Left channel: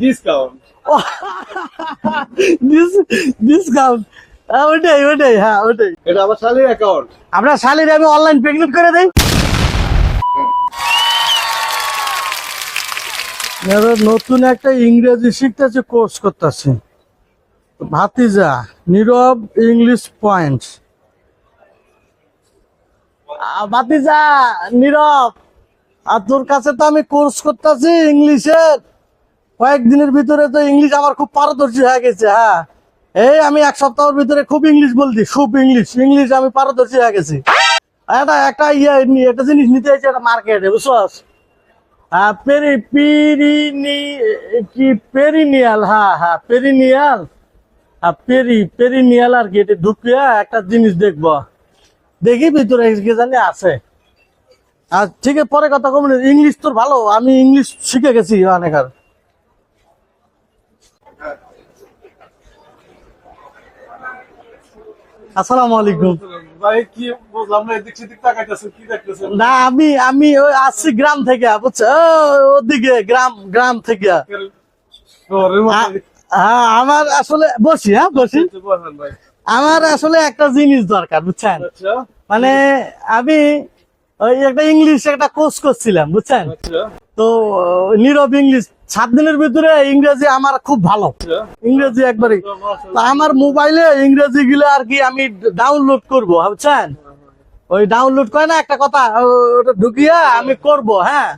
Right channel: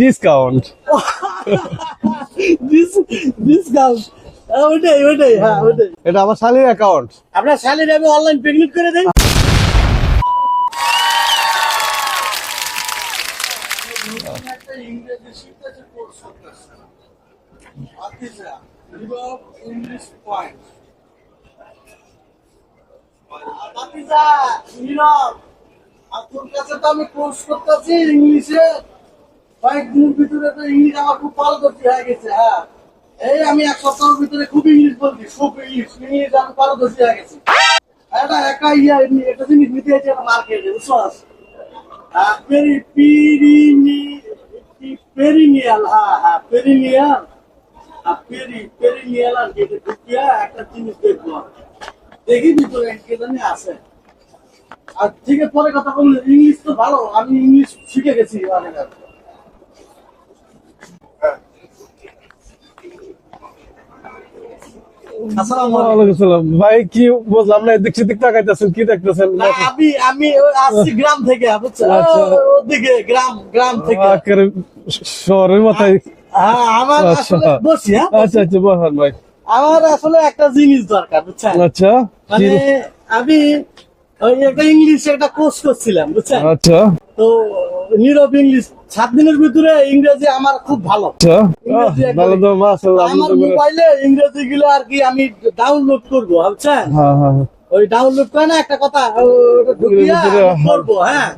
Discount discount ওটাই ওটাই হ্যাঁ ওটাই। এটা আমার শালীর অ্যাকাউন্ট আপনার শালির আমি অনলাইন পেমেন্ট করে দেই। নতুন একটা ইংরেজি শিখতেছে কোর্স করতেছে। ভাতিজা নীরব ইংলিশ পয়েন্ট ভাতিজা নীরব আর তোর কাছে তো আমি কোর্স করতেছি ইংলিশে কয়েকদিনের ভিতরে তো ইংলিশ আমার খুব পারদর্শী হয়ে গেছে হ্যাঁ। এই আমি এক সপ্তাহের ভিতরে খুব ইংলিশ বলছি, খুব ইংলিশ ইংলিশ আমি পারদর্শী হয়ে গেছি। একটা একটা ইয়ে একটা জিনিস নিতে হয়েছে একটা মার্কেটে পেরিনিয়াল পেরিনিয়াল পেরি পেরিনিয়াল আর কি একটা জিনিস দেখব। দেখি ভিতরে জানি আছে। আর ঠিক পরে কথা বলুন ইংলিশ তো ভালো, আমি ইংলিশ শিখে গেছি অনেক আর। আসসালামু আলাইকুম। ভাই কি বুঝলাম না এদিক সেদিক তাকাইতেছেন কি দেখতেছেন? না আমি আমি ওই আসছি গ্রাম থেকে বুঝছ? আচ্ছা। ওদিকে গ্রাম গ্রাম থেকে। একেবারে শহরের মাথায় হ্যাঁ আমার আচ্ছা। আসলে বসি হ্যাঁ আচ্ছা বসি। ভাই। আমার আসলে একটা জিনিস দরকার বুঝছেন? আচ্ছা মানে আমি ওই একটা ইংলিশ একটা কোর্স করছিলাম বুঝছেন? আচ্ছা। তো নীরব ইংলিশ। সাত দিনের ভিতরে ইংরেজি আমার খুব ভালো। আচ্ছা। ইংরেজি একবারে আমার মোবাইলে ইংরেজি গুলো আর কি আমি ডাউনলোড করব বুঝছেন? হ্যাঁ হ্যাঁ হ্যাঁ। ওই ডাউনলোড করে না একটা কথা ঢুকিয়ে আমি করব হ্যাঁ।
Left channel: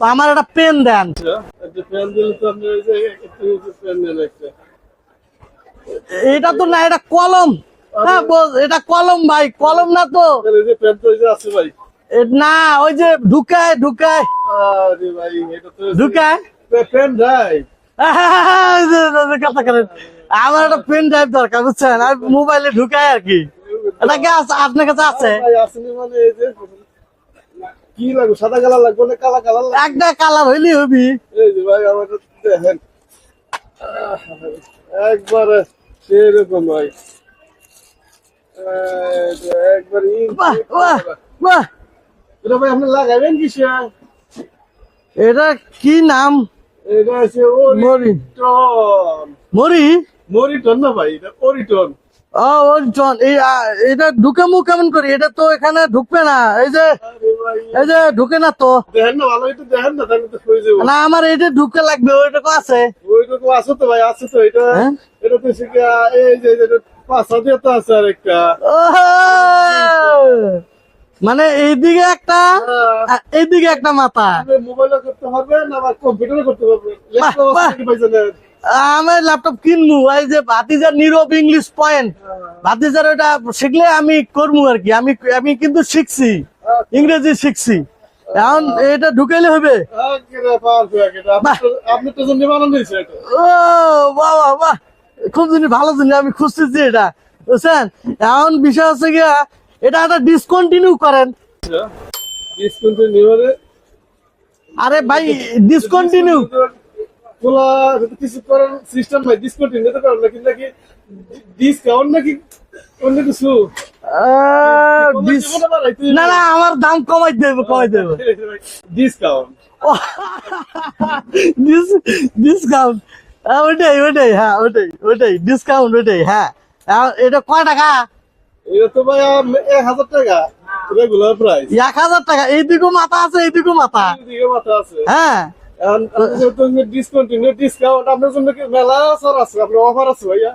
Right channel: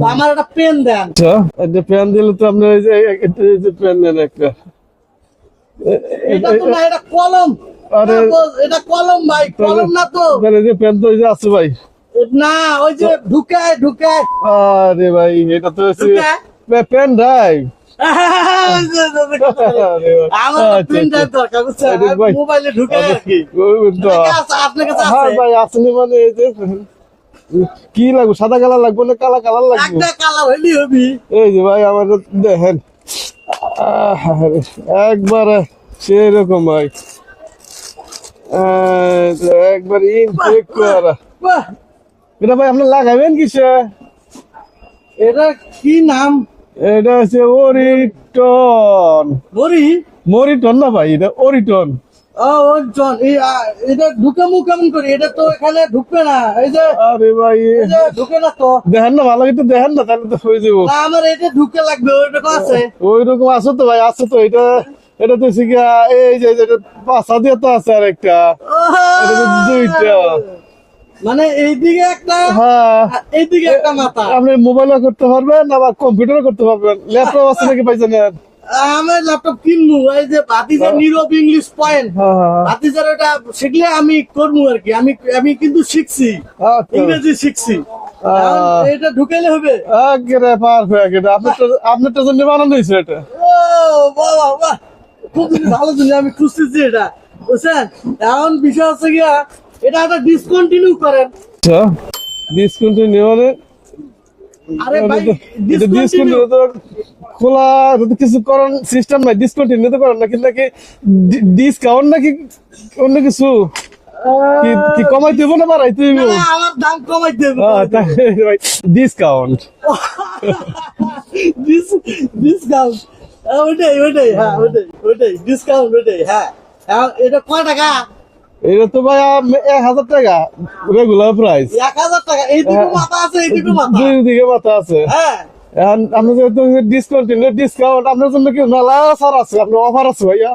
তো আমার একটা পেন দেন। আচ্ছা যে পেন দিলে তো আপনি ওই যে পেন দেন একটা। এটা তো না এটা কলম। এটা কলম ভাই কলম না তো। মানে যে পেন তো আছে ভাই। না ওই যে ঢুকায় ঢুকায়। আরে ভাই এটা তো ঢুকায়? পেন ড্রাইভ আমার আচ্ছা, পেন ড্রাইভ আচ্ছা। দরকার বুঝছেন? ভাই। মোবাইলে ঢুকায় আর কি। ওই আছে আপনার কাছে আছে হ্যাঁ ভাই মানে এই যে কি লাগবে? সাদা কালার লাগবে না কালা কালার লাগবে? একটা কালার হইলি হবি। এই যে ভাই আমার দেখেন। একবার সেরকম ভাই। একবার ইনটেক করা। এটা ভাই আপনি লাগাবেন কিসে এটা কি নাম? এটা হচ্ছে ওরিটন মরি? মরিটন না ভাই এটা ওরিটন এটা ঢুকে মুখ কেমন করি? এটা তো এখানে ঢুকবে না। এই যে এই যে ঢুকে না তো। দেখেন না ভালো একটু দেখেন না তাহলে তো হয়ে যাব। না আমার এটা ঢুকে লাগবে ওইটা আছে। ওই রকম আছে তো ভাই আছে তো এটা। হ্যাঁ? এটা তো শিখা এই যে পাঁচা দিয়ে তো আছে আর একটা দুইটা। মানে এইদিকে একটা হ্যাঁ। এইদিকে একটা মাথা। আপনি মোবাইলে করতে পারবেন আবার কম্পিউটারে করতে পারবেন। ল্যাপটপ আছে নাকি পাইছেন আমার ল্যাপটপ কিনবো এই যে ভাতিজার নীরব ইংলিশ পয়েন্ট ভাতিজার ওটা শিখলে আমি করব আর কি। আমি আমি কিন্তু শিখছি। হ্যাঁ ইংরেজি শিখছি। এটা ঢুকাইলে হবে। আপনার তো- জন্য বানানো হয়েছে এটা। ও বাবা বাহ খুব ভালো জিনিস আমি খুঁজতেছি এটা। বুঝছেন? এখন বিষয় হচ্ছে কি এটা একটা ডিসকন্টিনিউ করেন। আচ্ছা। ডিসকন্টিনিউ আরে ভাই ডিসকন্টিনিউ খোলা কিছু করার সিস্টেম নাই ডিসকন্টিনিউ নিতে পারেন নাকি নাকি ডিসকাউন্ট নাকি অন্য কিছু? কি- কি কমাই দেবো না না না, আমার দাম কমাই দেবো ডিসকাউন্ট ডিসকাউন্ট ওটাই ওটাই হ্যাঁ ওটাই ওটাই ডিসকাউন্ট ওটাই হ্যাঁ। এখন এটা কয় টাকা? এটা তো ভাই এক হাজার টাকা রেগুলার প্রাইস এক হাজার টাকা এইদিকে মাথা আছে এইদিকে মাথা। দুই মাথা আছে। হ্যাঁ এখন আপনি যেহেতু ডিসকন্টিনিউ ডিসকাউন্ট আপনার জন্য কি মেলা ছাড় আছে? আপনার অফার আছে ভাইয়া?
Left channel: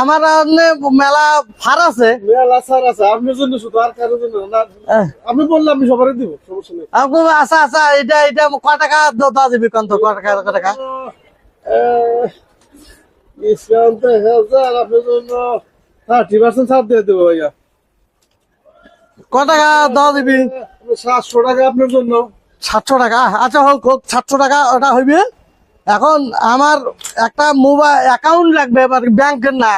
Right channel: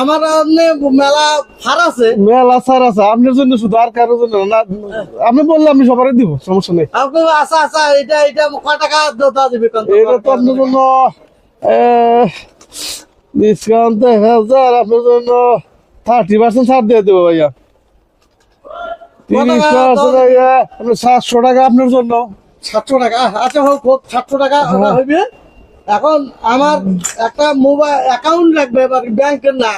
আমার এমনি মেলা ফার আছে। মেলা ছাড় আছে। আপনার জন্য শুধু আর কারোর জন্য না আপনি বললে আমি সবারই দিব সমস্যা নেই। আপনি আচ্ছা আচ্ছা এটা এটা কয় টাকা দেওয়া যাবে কোন তো এটা তো আপনার জন্য ডিসকাউন্ট দেখা হাজার আপনার জন্য থার্টি পার্সেন্ট ছাড় দিয়ে দেবো ভাইয়া। সাতশো টাকা আপনার জন্য। সাতশো টাকা? আচ্ছা হোক হোক সাতশো টাকা ওটা হইবে। এখন আমার একটা মোবাইল অ্যাকাউন্ট লাগবে এবার ব্যাংকের না।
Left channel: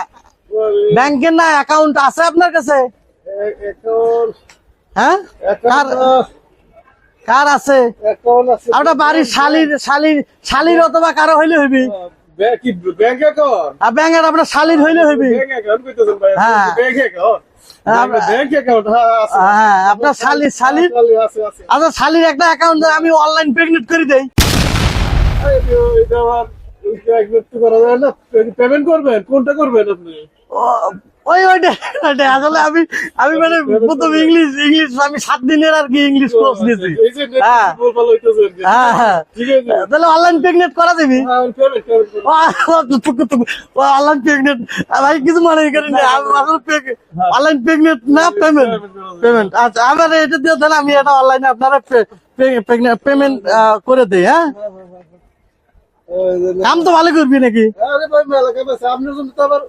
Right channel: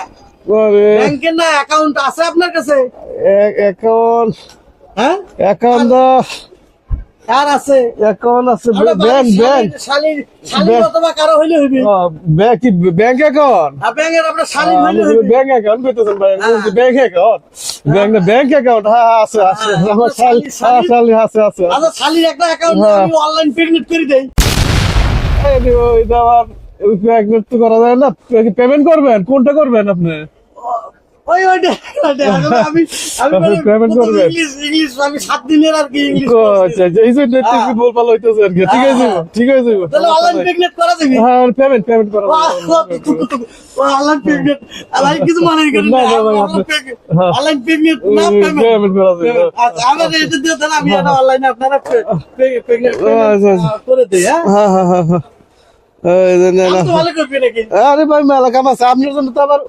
ব্যাংকের না অ্যাকাউন্ট আছে আপনার কাছে? অ্যাকাউন্ট হ্যাঁ? অ্যাকাউন্ট কার আছে? অ্যাকাউন্ট আছে? বাড়ির শালির শালির শালির অথবা কারও হইলে হইবি। Bank bank account? আর ব্যাংকের আপনার শালির হইলে হইবি। ব্যাংক অ্যাকাউন্ট কইতেছেন ভাই হ্যাঁ। Bank account. Bank bank account হ্যাঁ আছে আছে হ্যাঁ, আমার আপনার শালি- শালি- শালি- শালি আছে আছে। আচ্ছা শালির একটা অ্যাকাউন্ট হ্যাঁ। আমি অনলাইন পেমেন্ট করে দেই। তো করা যায় না পেমেন্ট করবেন কোনটা করবেন আপনি? ওই ওইটা ওইটা আসলে আমি আমি মানে প্রথম ইংলিশ ইংলিশ আমি সাত দিনের আর কি ইংলিশ আচ্ছা, নিয়েছি। এই যে নেট হ্যাঁ। বল হইতেছে আর কি। ঠিক হ্যাঁ, আছে হ্যাঁ। ঠিক আছে। তাহলে অনলাইন প্রেগনেন্ট করা যাবে? হ্যাঁ পেমেন্ট পেমেন্ট করা অনলাইন প্রেগনেন্ট আমি কিছু মনে করি না। অনলাইন পেমেন্ট পেমেন্ট আচ্ছা আমার এটা দিয়ে তাহলে আমি এটা অনলাইনে আপনারা পেমেন্ট আচ্ছা। করে দেই হ্যাঁ? হ্যাঁ হ্যাঁ হ্যাঁ হ্যাঁ। তো। ভালো করবি নাকি? আরে ভাই মেলা কাম আছে। আপনার জন্য তো আবার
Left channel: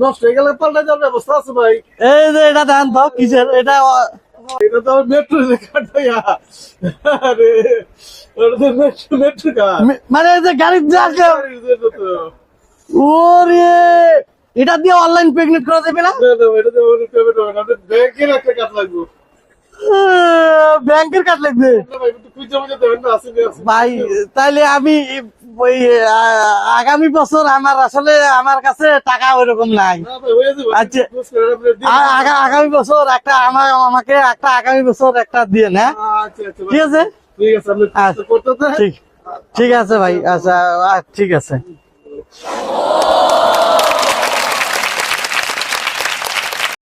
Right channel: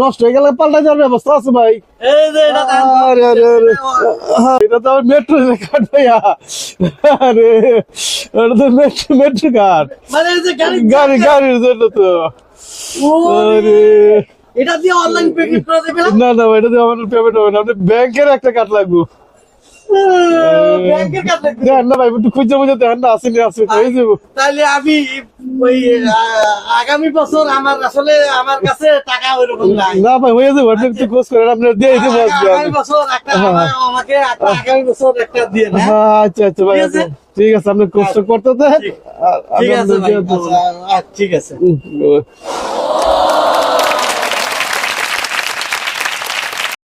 নষ্ট হয়ে গেলে পাল্টা যাওয়ার ব্যবস্থা আছে ভাই। এই যে এটা দাঁত বাপ আরে, কিসের আরে, এটা এটা তো মেট্রো কার্ড ভাইয়া। আরে ওটা তো মেট্রো মেট্রো কার্ড মানে এই যে গাড়ি গাড়ি গাড়ির জন্য তো। ওরে এটা দিয়ে অনলাইন পেমেন্ট করা যাবে না? না না এটা দিয়ে আমার পেমেন্ট হবে না। আপনি ব্যাংকের একটা কার্ড লাগবে। ব্যাংকের কার্ড লাগবে। দেন না ভাই একটু খুঁজে খুঁজে দেখেন না আসেনি ভাই তাহলে আমি ওই আগামী বছর আমার আসলে আমার কাছে টাকা ওইরকম নাই। না ভাই হয়ে যাবে আপনি আচ্ছা। খোঁজ করেন আপনি দিয়ে আগামী বছর একটা আমাকে আমাকে একটা আগামী বছর একটা দিয়ে না? হ্যাঁ, আচ্ছা আচ্ছা ঠিক আছে? ঠিক আছে আপনি কষ্ট করতে ঠিক- ঠিক আছে ভাই আচ্ছা ঠিক আছে।